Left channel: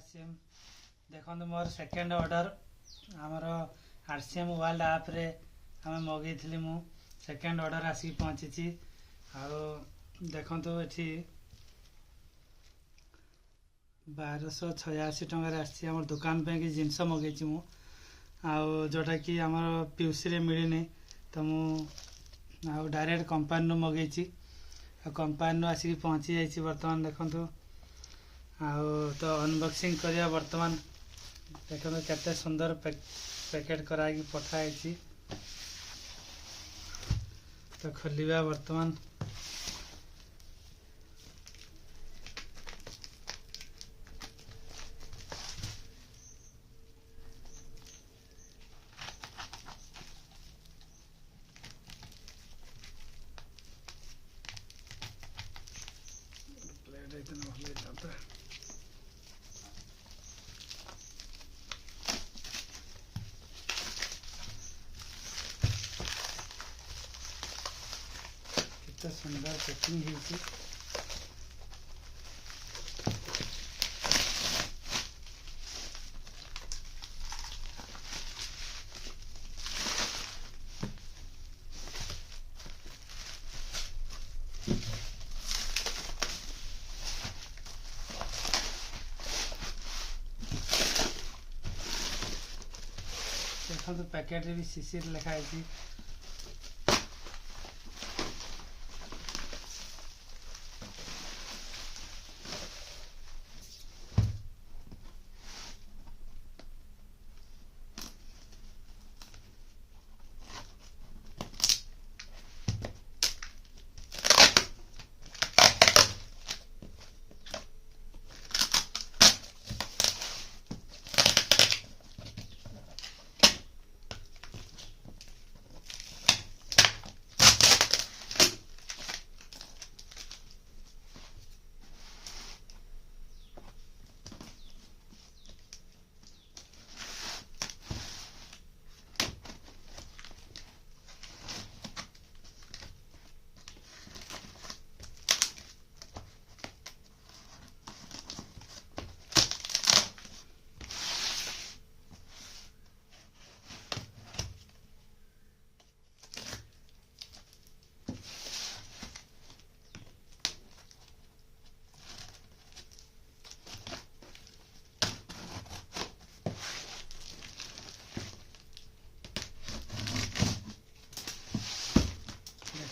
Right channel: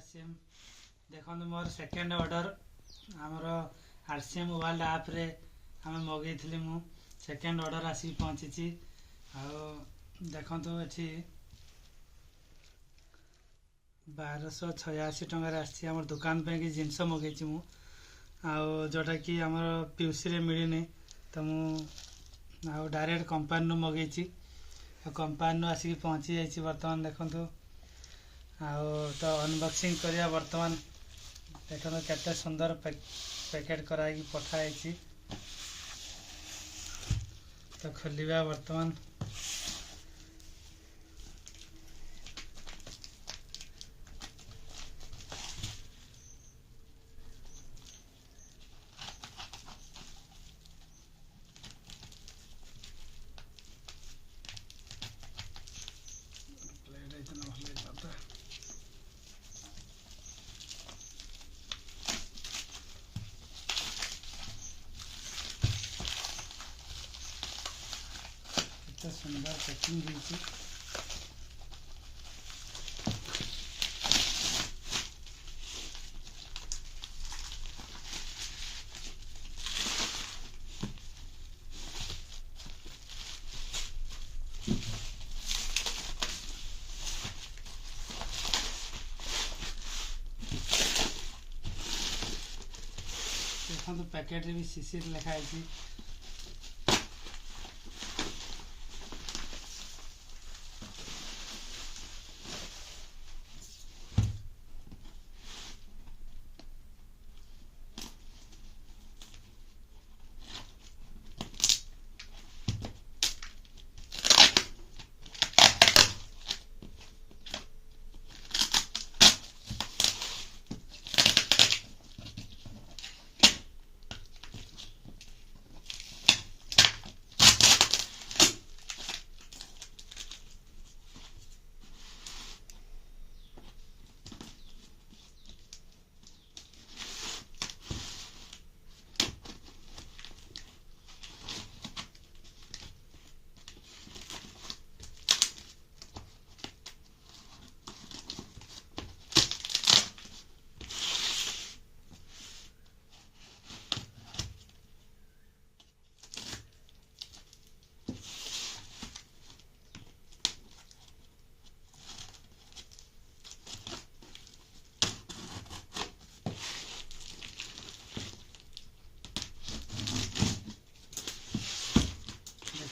RCM देखो more second order आमर RCM world आप रे आम मगई मु सेकेंड ऑर्डर आसिक पहुँची देखु ये 1286 टकर आम दुकान पे कि जिनस मगेची मु जोटा कि आम पीयूसी मिलनी तो मु डायरेक्ट कंपानी मगेची कंपानी आसिक पहुँची जाइए बर्तमान देखु तो अनबॉक्सिंग करिया बर्तमान देखो केते सुंदर पैकेट कराई पठाई तो खोलिया बर्तमान तो सुंदर पैकिंग होती देखो पैकेट भी शिशिर लिखाई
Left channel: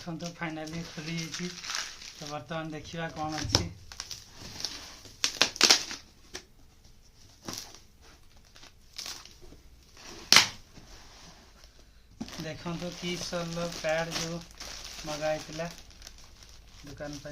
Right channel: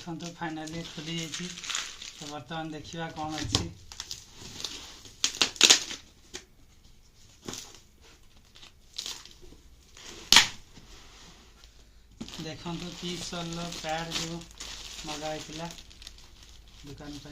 तो फाइनाली खुली जाइए तो बर्तमान देखा कौन अच्छी देखो तो कि पैड जो मगाई दुकान पर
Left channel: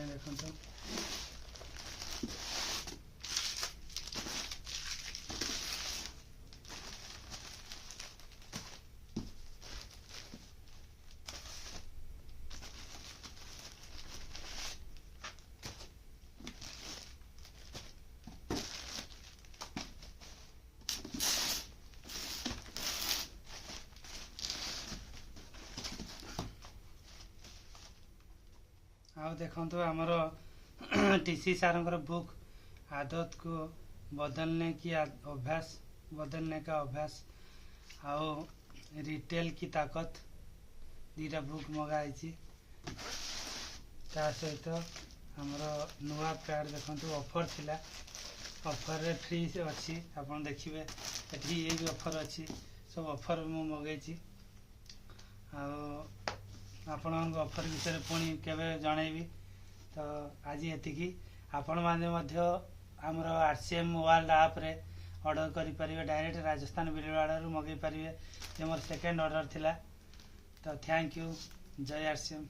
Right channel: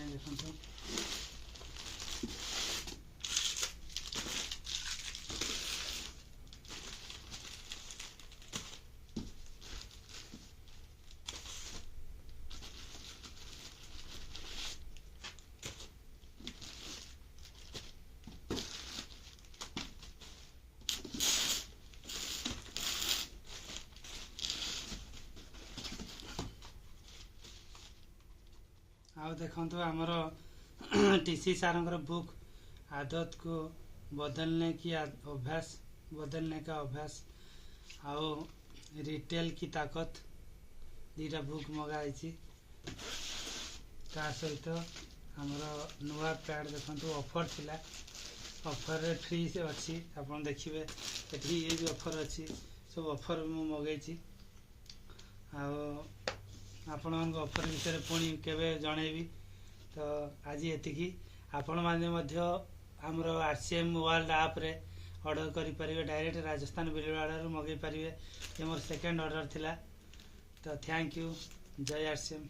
देखो देखो आमर टीसी सार बुक आदत को बदलने की अभ्यास बदलने का अभ्यास आओ रिटेल की ताकत दीटा बुक मगाई सहित आमर नुआ पैड देखो ऑफर थिला ऑफर रे फ्री से अच्छी आप देखिए ये भी ऑफर अच्छी सब ऑफर मु मगेची आपण ऑफर विषय पुणी केवे जनइबी तो आज ये आपण मैंने आमर आरसीएम वर्ल्ड आप रे ऑर्डर करें डायरेक्ट राजस्थान बिलवाड़ा मगई पारे ये मोर सेकेंड ऑर्डर थिला तो थैंक यू जय आरसीएम।